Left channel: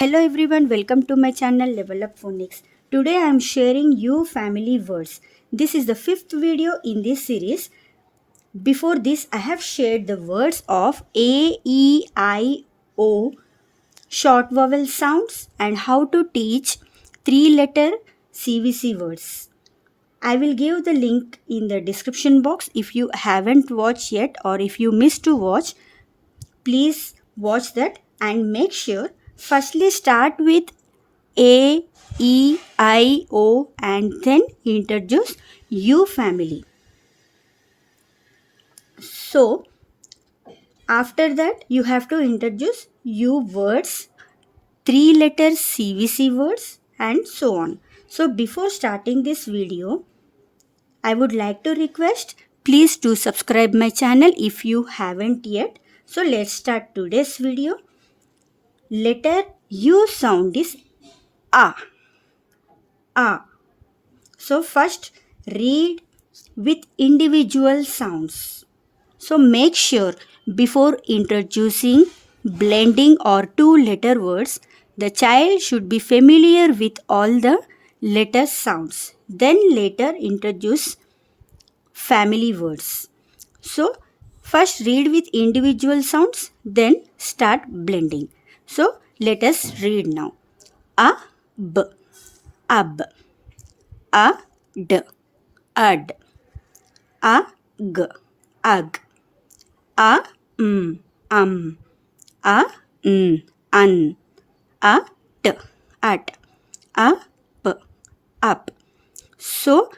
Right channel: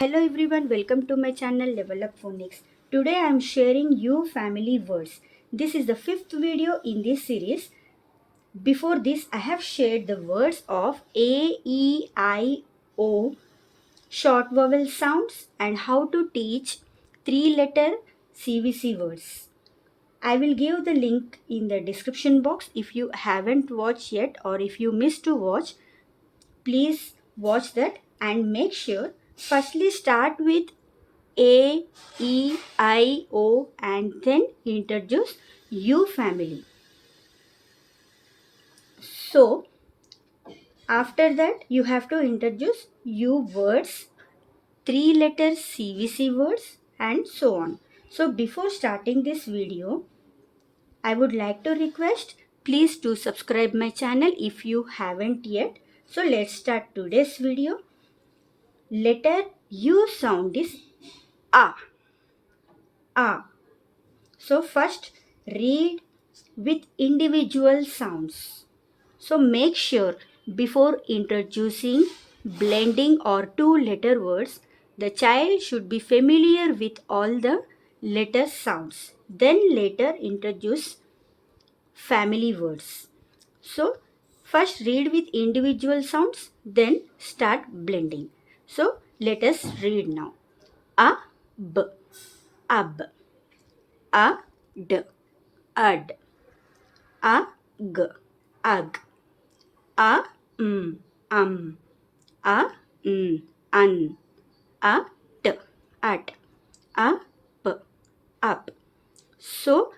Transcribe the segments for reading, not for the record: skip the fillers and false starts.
Hello everyone, welcome to my channel Level Up Phonics. Today I am sharing you family words. This is the fifth video in this series. Before this, I have shared the words of A, E, I, O, short vowel sounds, and how to teach 3-letter CVC words. I will give the link in the description box if you haven't watched yet, or if you missed to watch. Please watch that and make sure firstly start with A, E, I, O and then introduce U family. So after that you have to introduce U words, 3-letter CVC words and so on. So before starting this video, I would like to request please to subscribe my channel if you haven't yet. So let's start today's video. Letter U sound is A. A. So first read with individual sounds. So make sure before introducing blending or 2-letter words, the child should be familiar with all the letter sounds. Then later introduce family words. So first read with individual sounds, then start blending. So let us read now. A, b, ab, a, d, ad, a, g, ag, a, a, an, a, t, at, a, p, up. So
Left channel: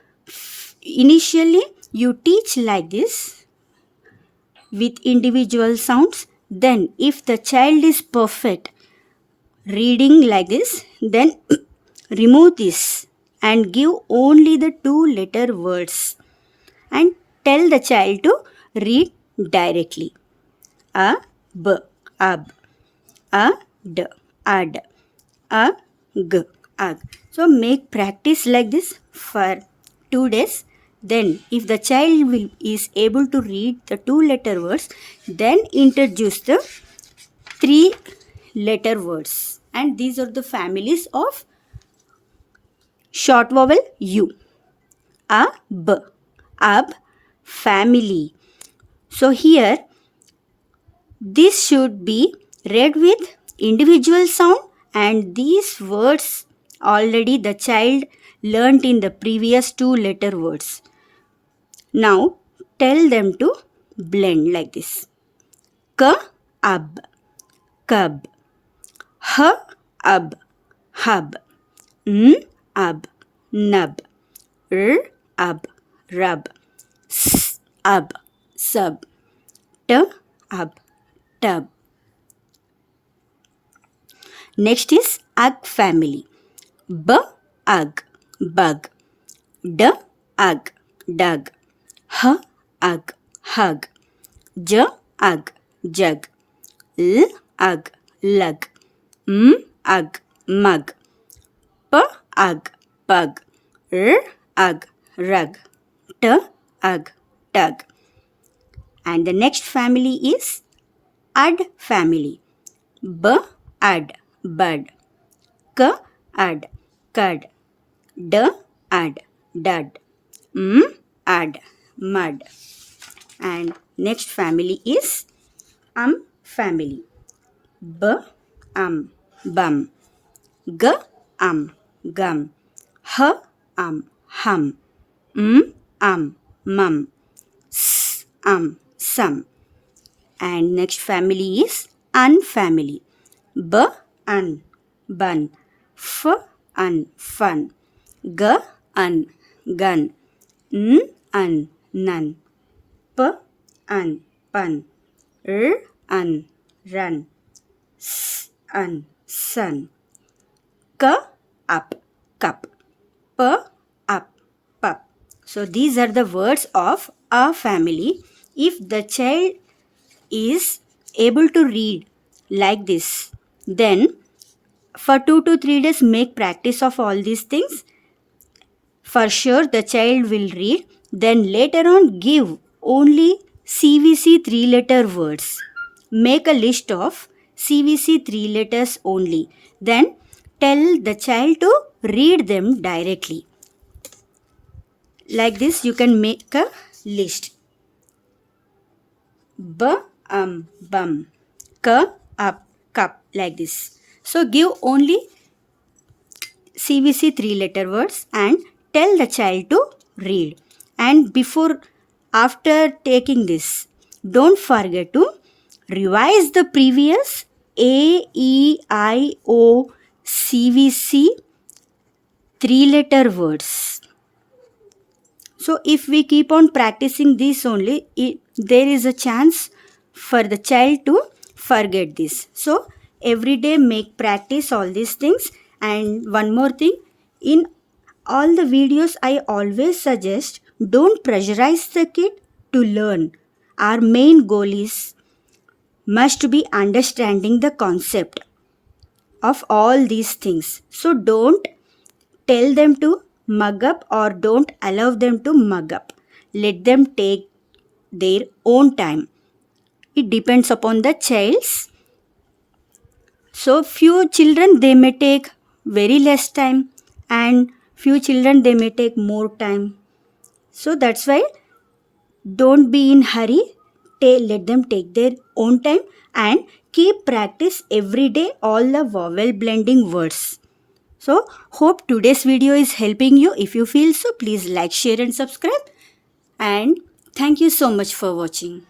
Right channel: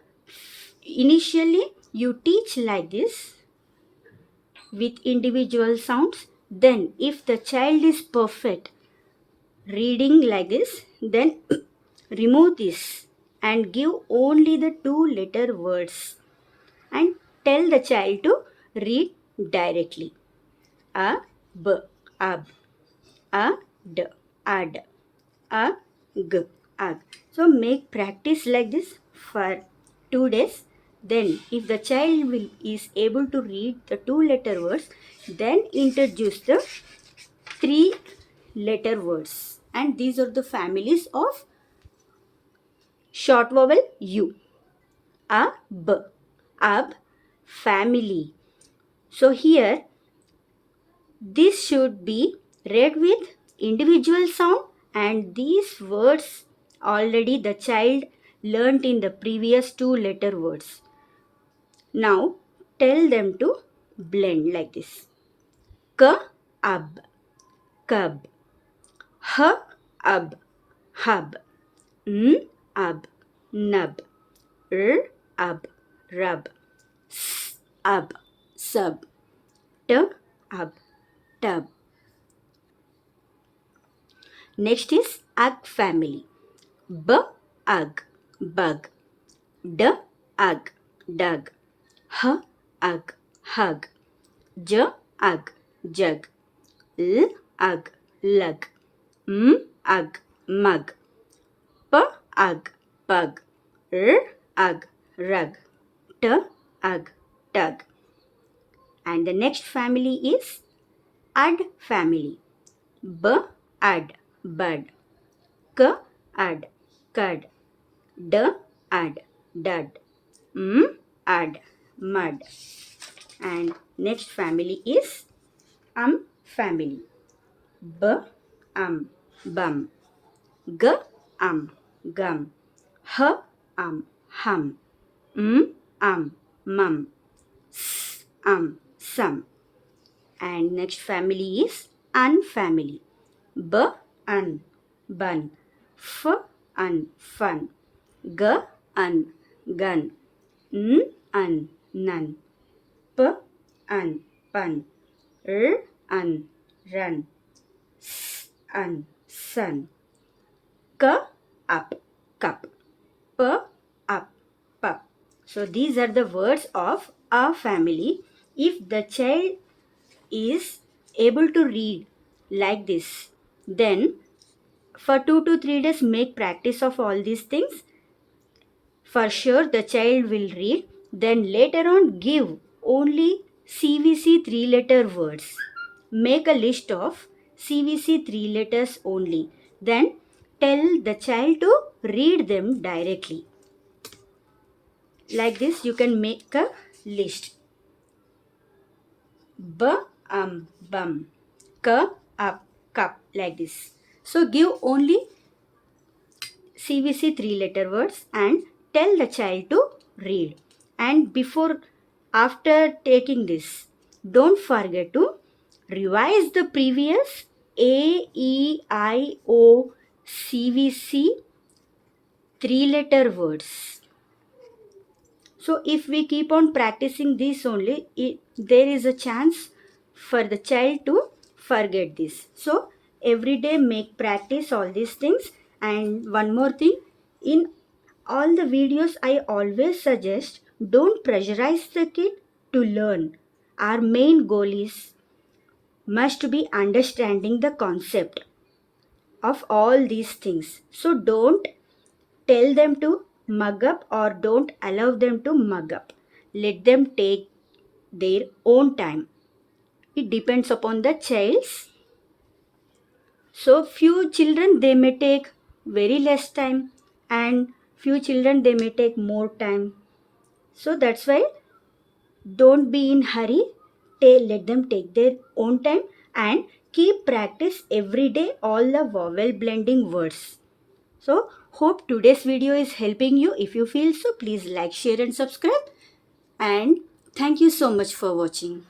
initially you teach like this with individual sounds. Then if the child is perfect reading like this, then remove this and give only the 2-letter words and tell the child to read directly. A, b, ab, a, d, ad, a, g, ag. So make practice like this for 2 days. Then if the child is able to read the 2-letter words, then introduce the 3-letter words. And these are the families of short vowel U. A, b, ab, family. So here this should be read with individual sound, and these words already the child learnt in the previous 2-letter words. Now tell them to blend like this. K, ab, cub. H, ab, hub. N, ab, nub. R, ab, rub. S, ab, sub. T, ab, tub. Next is ag family. B, ug, bug. D, ug, dug. H, ug, hug. J, ug, jug. L, ug, lug. M, ug, mug. P, ug, pug. R, ug, rug. T, ug, tug. And the next family is ad family. B, ad, bud. K, ad, cud. D, ad, dud. M, ad, mud. And next family is family. B, bum. G, gum. H, hum. M, mum. S, some. And next family is unfamily. B, bun. F, fun. G, gun. N, none. P, pun. R, run. S, sun. K, up, cup. P, up, pup. So these are the words of a family. If the child is able to read like this, then for 2 to 3 days make practice of all these things. For sure the child will read. Then later on give only CVC 3-letter words. Make a list of CVC 3 letters only. Then tell the child to read them directly. Like this, you can make a list. Bum, up, cup, like this. So give only CVC 3 letter words and tell the child to read. And after taking this, don't forget to revise the previous A, E, I, O, CVC 3 letter words. So if we keep on practicing this only, there is a chance for the child to forget this. So every day make practice all these things. And one more thing, in all the videos I always suggest, don't pressurize the kid to learn. Our main goal is must be understanding the concept of all these things. So don't tell them to mug up or don't allow them to mug up. Let them take their own time. It depends upon the child's. So few children they may take very less time and few children they may take more time. So that's why don't be in hurry. Let them take their own time and keep practice every day all the vowel blending words. So hope today's video is helping you. If you feel so, please like, share and subscribe. And thank you so much for watching.